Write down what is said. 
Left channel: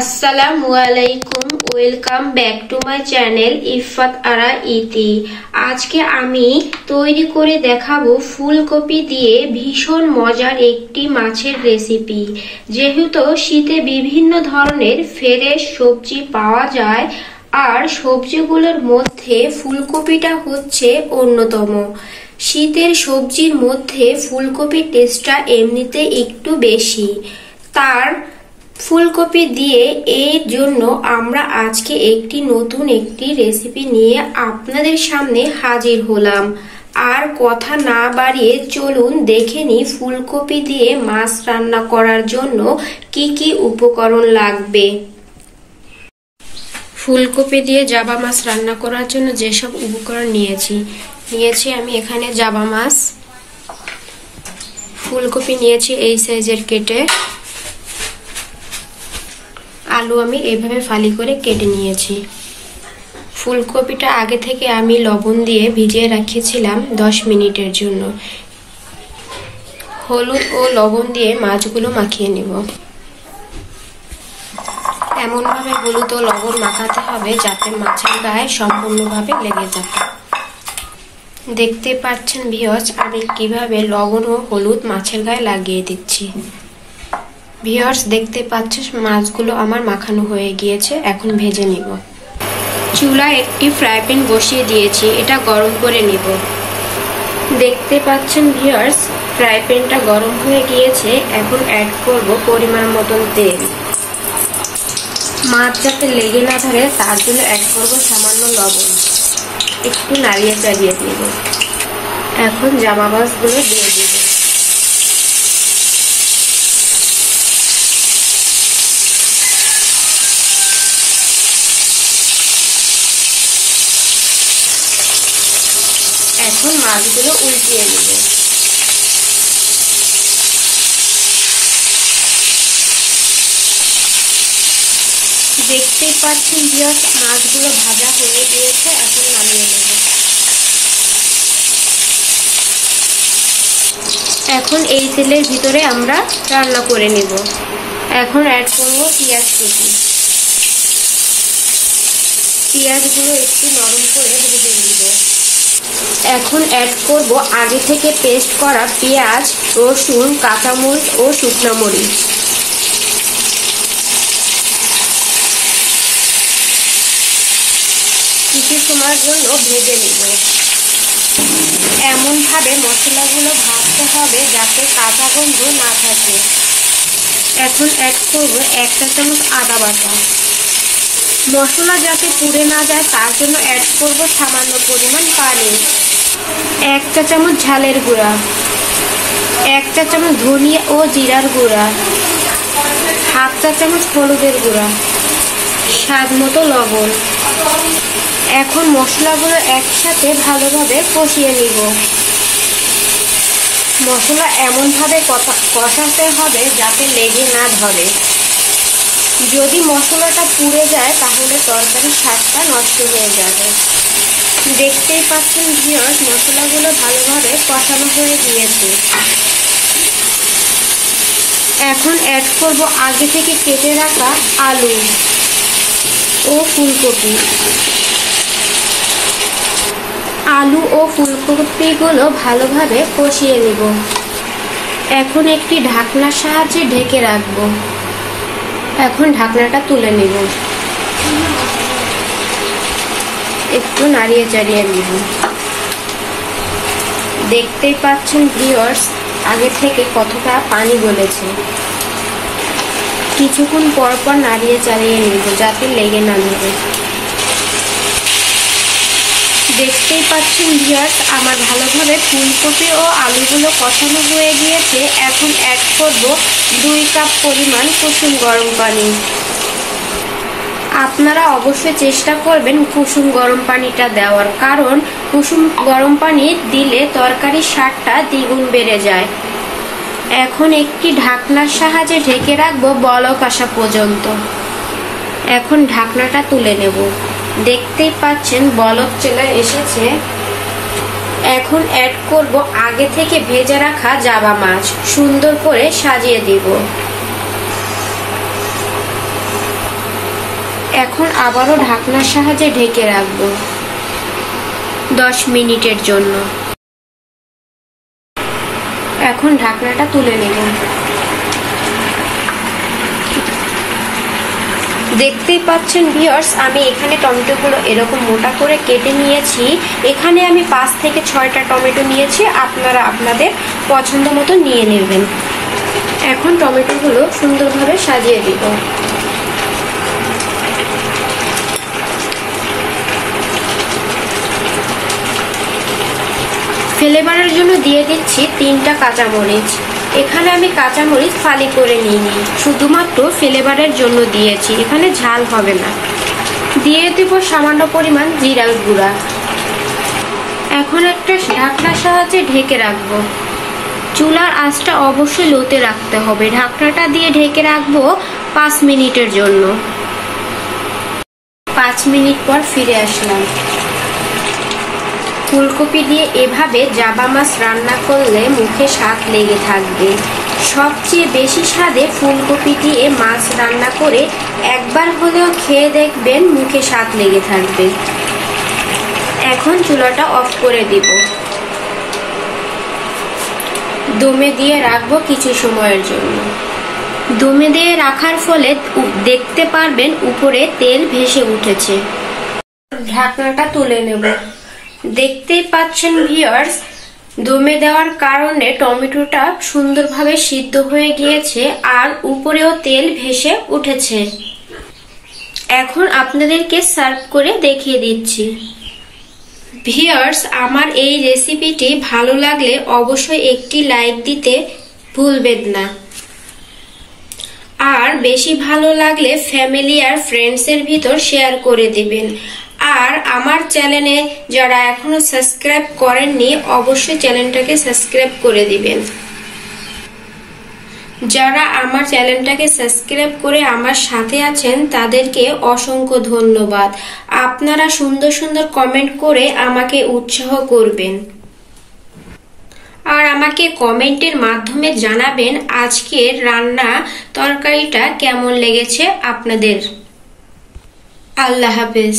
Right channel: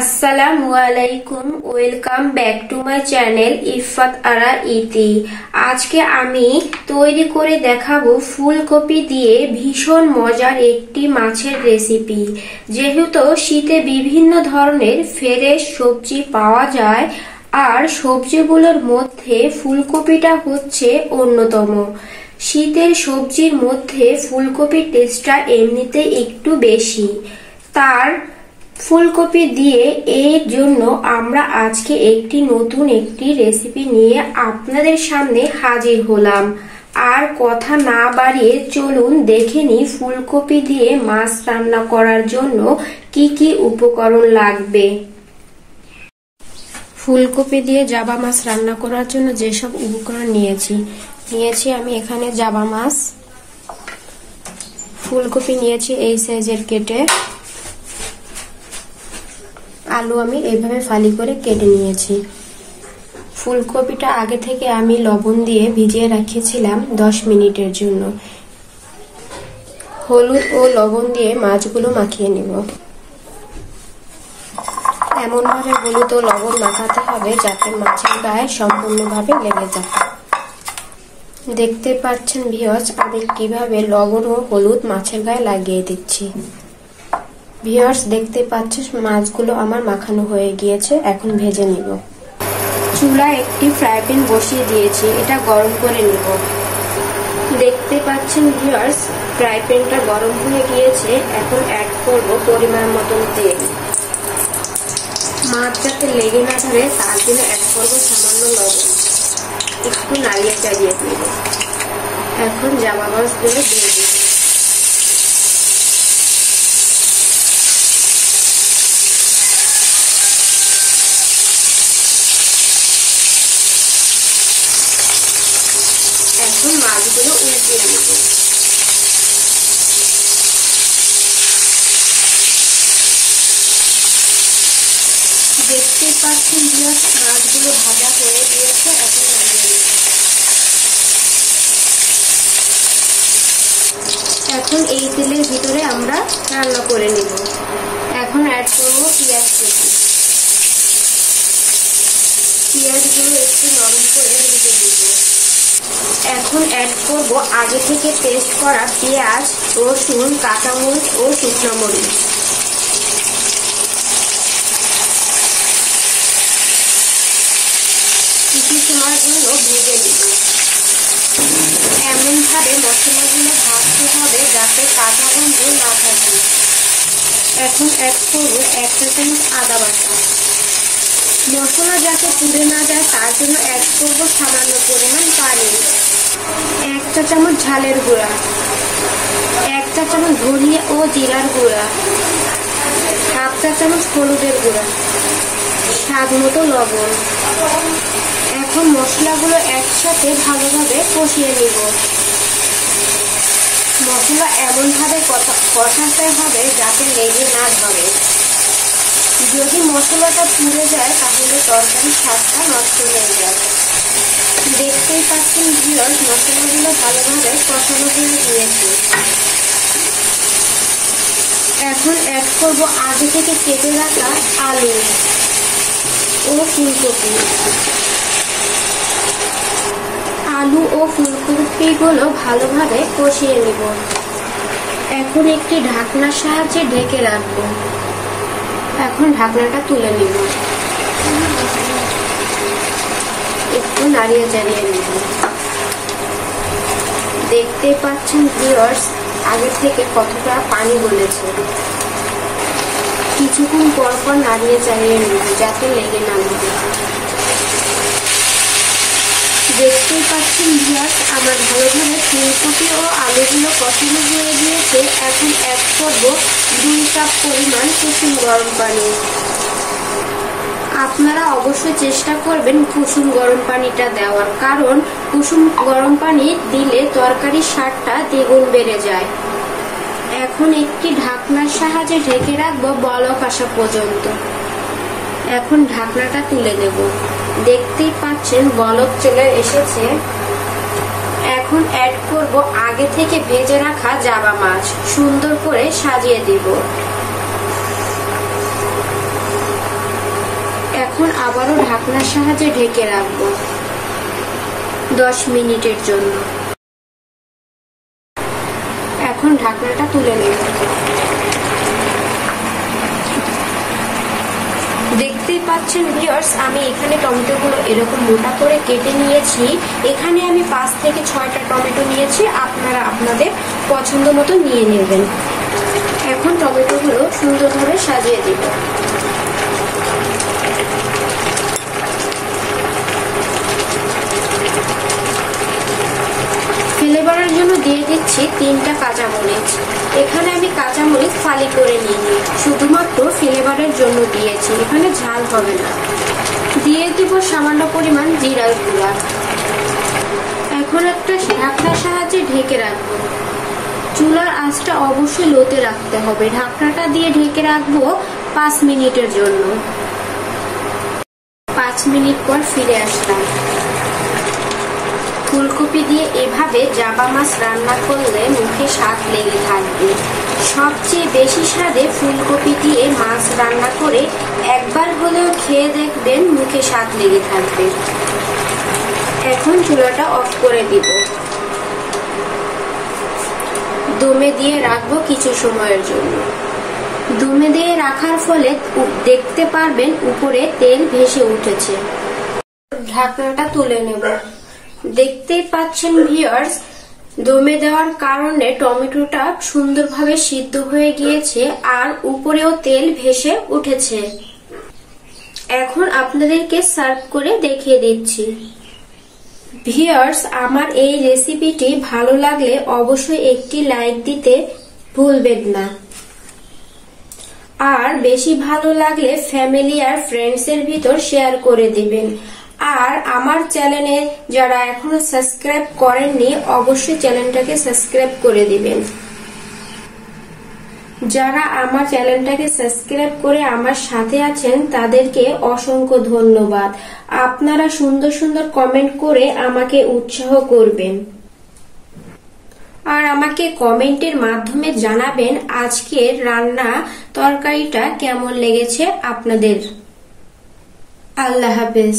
আসসালামু আলাইকুম, welcome back to my channel Ifat Ara Iti. আজকে আমি তৈরি করে দেখাবো ফুলকপি দিয়ে ভীষণ মজার একটি মাছের রেসিপি। যেহেতু শীতে বিভিন্ন ধরনের ফ্রেশ সবজি পাওয়া যায়, আর সবজিগুলোর মধ্যে ফুলকপিটা হচ্ছে অন্যতম। শীতের সবজির মধ্যে ফুলকপির টেস্টটা এমনিতে একটু বেশি। তার ফুলকপি দিয়ে এর জন্য আমরা আজকে নতুন একটি রেসিপি নিয়ে আপনাদের সামনে হাজির হলাম। আর কথা না বাড়িয়ে চলুন দেখে নিই ফুলকপি দিয়ে মাছ রান্না করার জন্য কি কি উপকরণ লাগবে। ফুলকপি দিয়ে জাবা মাছ রান্না করার জন্য যেসব উপকরণ নিয়েছি আমি এখানে জাবা মাছ, ফুলকপি নিয়েছি এই সাইজের কেটে, আলু আমি এইভাবে ফালি করে কেটে নিয়েছি। ফুলকপিটা আগে থেকে আমি লবণ দিয়ে ভিজিয়ে রাখিয়েছিলাম 10 মিনিটের জন্য। হলুদ ও লবণ দিয়ে মাছগুলো মাখিয়ে নেব। এমনভাবে হলুদ ও লবণ মাখাতে হবে যাতে মাছের গায়ে সম্পূর্ণভাবে লেগে যায়। দেখতে পাচ্ছেন ভিউয়ার্স, আমি কিভাবে লবণ ও হলুদ মাছের গায়ে লাগিয়ে দিচ্ছি। ভিউয়ার্স দেখতে পাচ্ছেন মাছগুলো আমার মাখানো হয়ে গিয়েছে, এখন ভেজে নিব। চুলায় একটি ফ্রাই প্যান বসিয়ে দিয়েছি, এটা গরম করে নিব। দেখতে পাচ্ছেন ভিউয়ার্স, ফ্রাই প্যানটা গরম হয়ে গিয়েছে, এখন অ্যাড করব পরিমাণ মতন তেল। মাছ যাতে লেগে না ধরে তার জন্য অ্যাড করব সামান্য লবণ, একটু নাড়িয়ে চাড়িয়ে দিব। এখন জাবা মাছগুলো দিয়ে দিব। এখন মাছগুলো উল্টিয়ে নেব। দেখতেই পাচ্ছেন ভিউয়ার্স, মাছগুলো ভাজা হয়ে গিয়েছে, এখন নামিয়ে নেব। এখন এই তেলের ভিতরে আমরা রান্না করে নেব। এখন অ্যাড করব পেঁয়াজ কুচি। পেঁয়াজগুলো একটু নরম করে ভেজে নেব। এখন অ্যাড করব আগে থেকে পেস্ট করা পেঁয়াজ, রসুন, কাঁচামরিচ ও শুকনো মরিচ। কিছু সময়ের জন্য ভেজে নেব। এমনভাবে মশলাগুলো ভাজতে হবে যাতে কাঁচা গন্ধ না থাকে। এখন অ্যাড করব 1 চা চামচ আদা বাটা। মশলা যাতে পুড়ে না যায় তার জন্য অ্যাড করব সামান্য পরিমাণ পানি। 1 চা চামচ ঝালের গুঁড়া, 1 চা চামচ ধনিয়া ও জিরার গুঁড়া, 1/2 চা চামচ হলুদের গুঁড়া, স্বাদ মতো লবণ। এখন মশলাগুলো একসাথে ভালোভাবে কষিয়ে নিব। মশলা এমনভাবে কষাতে হবে যাতে লেগে না ধরে। যদি মশলাটা পুড়ে যায় তাহলে তরকারির স্বাদটা নষ্ট হয়ে যাবে। দেখতেই পাচ্ছেন ভিউয়ার্স, মশলাগুলো ভালোভাবে কষানো হয়ে গিয়েছে। এখন অ্যাড করব আগে থেকে কেটে রাখা আলু ও ফুলকপি। আলু ও ফুলকপিগুলো ভালোভাবে কষিয়ে নেব। এখন একটি ঢাকনার সাহায্যে ঢেকে রাখবো। এখন ঢাকনাটা তুলে নেব, একটু নাড়িয়ে চাড়িয়ে নেব। দেখতেই পাচ্ছেন ভিউয়ার্স, আগে থেকে কতটা পানি গলেছে। কিছুক্ষণ পর পর নাড়িয়ে চাড়িয়ে নেব যাতে লেগে না যাবে। দেখতেই পাচ্ছেন ভিউয়ার্স, আমার ভালোভাবে ফুলকপি ও আলুগুলো কষানো হয়ে গিয়েছে। এখন অ্যাড করব 2 কাপ পরিমাণ কুসুম গরম পানি। আপনারা অবশ্যই চেষ্টা করবেন কুসুম গরম পানিটা দেওয়ার, কারণ কুসুম গরম পানি দিলে তরকারির স্বাদটা দ্বিগুণ বেড়ে যায়। এখন একটি ঢাকনার সাহায্যে ঢেকে রাখবো বলক আসা পর্যন্ত। এখন ঢাকনাটা তুলে নেব। দেখতেই পাচ্ছেন বলক চলে এসেছে। এখন অ্যাড করব আগে থেকে ভেজে রাখা জাবা মাছ, সুন্দর করে সাজিয়ে দিব। এখন আবারও ঢাকনার সাহায্যে ঢেকে রাখবো 10 মিনিটের জন্য। এখন ঢাকনাটা তুলে নেব। দেখতেই পাচ্ছেন ভিউয়ার্স, আমি এখানে টমেটোগুলো এরকম মোটা করে কেটে নিয়েছি। এখানে আমি 5 থেকে 6টা টমেটো নিয়েছি, আপনারা আপনাদের পছন্দ মতো নিয়ে নেবেন। এখন টমেটোগুলো সুন্দরভাবে সাজিয়ে দিব। ফ্লেভারের জন্য দিয়ে দিচ্ছি 3টা কাঁচামরিচ। এখানে আমি কাঁচামরিচ ফালি করে নিইনি, শুধুমাত্র ফ্লেভারের জন্য দিয়েছি, এখানে ঝাল হবে না। দিয়ে দিব সামান্য পরিমাণ জিরার গুঁড়া। এখন একটা ঢাকনার সাহায্যে ঢেকে রাখবো। চুলার আঁচটা অবশ্যই লোতে রাখতে হবে। ঢাকনাটা দিয়ে ঢেকে রাখবো 5 মিনিটের জন্য। 5 মিনিট পর ফিরে আসলাম। ফুলকপি দিয়ে এভাবে জাবা মাছ রান্না করলে মুখে স্বাদ লেগে থাকবে। সবচেয়ে বেশি স্বাদে ফুলকপি দিয়ে মাছ রান্না করে একবার হলেও খেয়ে দেখবেন, মুখে স্বাদ লেগে থাকবে। এখন চুলাটা অফ করে দিব। দমে দিয়ে রাখবো কিছু সময়ের জন্য। দমে দিয়ে রাখার ফলে দেখতে পারবেন উপরে তেল ভেসে উঠেছে। ঢাকনাটা তুলে নেব। দেখতেই পাচ্ছেন ভিউয়ার্স, দমে দেওয়ার কারণে টমেটোটা সুন্দরভাবে সিদ্ধ হয়ে গিয়েছে আর উপরেও তেল ভেসে উঠেছে। এখন আপনাদেরকে সার্ভ করে দেখিয়ে দিচ্ছি। ভিউয়ার্স, আমার এই রেসিপিটি ভালো লাগলে অবশ্যই একটি লাইক দিতে ভুলবেন না। আর বেশি ভালো লাগলে ফ্যামিলি আর ফ্রেন্ডসের ভিতর শেয়ার করে দিবেন। আর আমার চ্যানেলে যারা এখনো সাবস্ক্রাইব করেননি, অবশ্যই চ্যানেলটাকে সাবস্ক্রাইব করে দিবেন। যারা আমার চ্যানেলটাকে সাবস্ক্রাইব করে আমার সাথে আছেন তাদেরকে অসংখ্য ধন্যবাদ। আপনারা সুন্দর সুন্দর কমেন্ট করে আমাকে উৎসাহ করবেন আর আমাকে কমেন্টের মাধ্যমে জানাবেন আজকের রান্না তরকারিটা কেমন লেগেছে আপনাদের। আল্লাহ হাফেজ।